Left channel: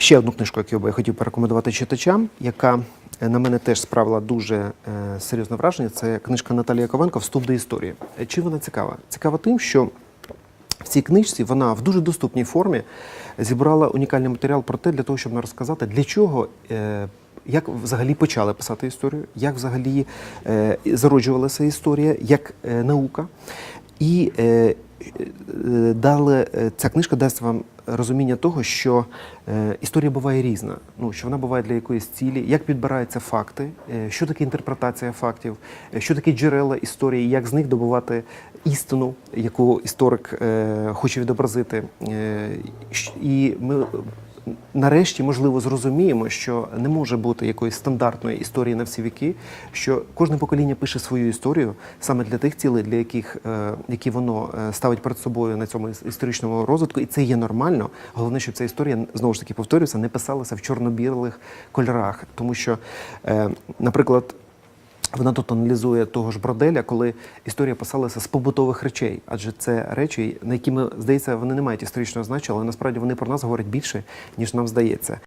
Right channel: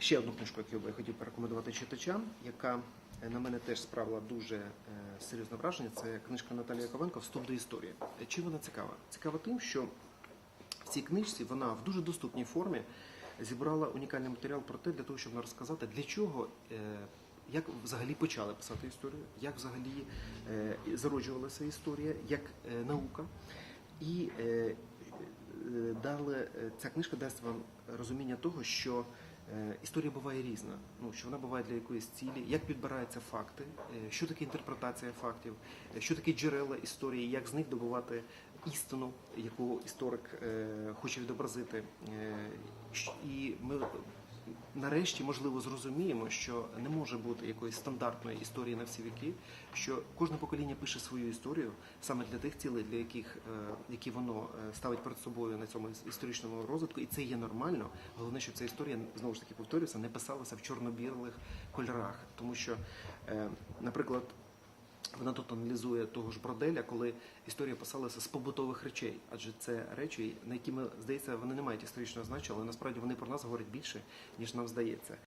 Ще одну книжку, яку я хотів порекомендувати читачам, яка е, на мене теж справила дуже е, серйозне враження. Це книжка Наталії Яковенко Вступ до історії. Е, Чим вона цікава? Цікава тим, що в цій книжці вона в дуже доступній формі зібрала унікальний матеріал про те, для того, щоб розказати, для чого. Як взагалі почали писати історію, як взагалі зароджувалася історія, як наука. І е, е, дали, е, ця книжка дасть вам розуміння того, що е, історія буває різна, ну, що вона буває для якоїсь цілі, як підбираються факти, е, що таке інтерпретація фактів, е, що таке джерела історії, як з них добувати істину, яку історик е, хоче відобразити. Е, і ми нарешті, можливо, зрозуміємо, що не може бути якоїсь стандартної історії на всі віки, що кожне покоління пише свою історію саме для тих цілей, для яких е, які воно е, ставить перед собою на цьому історичному розвитку, і це є нормально. Головне, щоб ця історія знову ж таки повторюється, не писалася в чорно-білих кольорах, тому що, е, наприклад. Вона тут аналізує того ж Броделя, коли історія писалася з побутових речей, адже це речі, на які ми здається, вони не мають історичного значення, але насправді вони про нас говорять більше, ніж нам здається.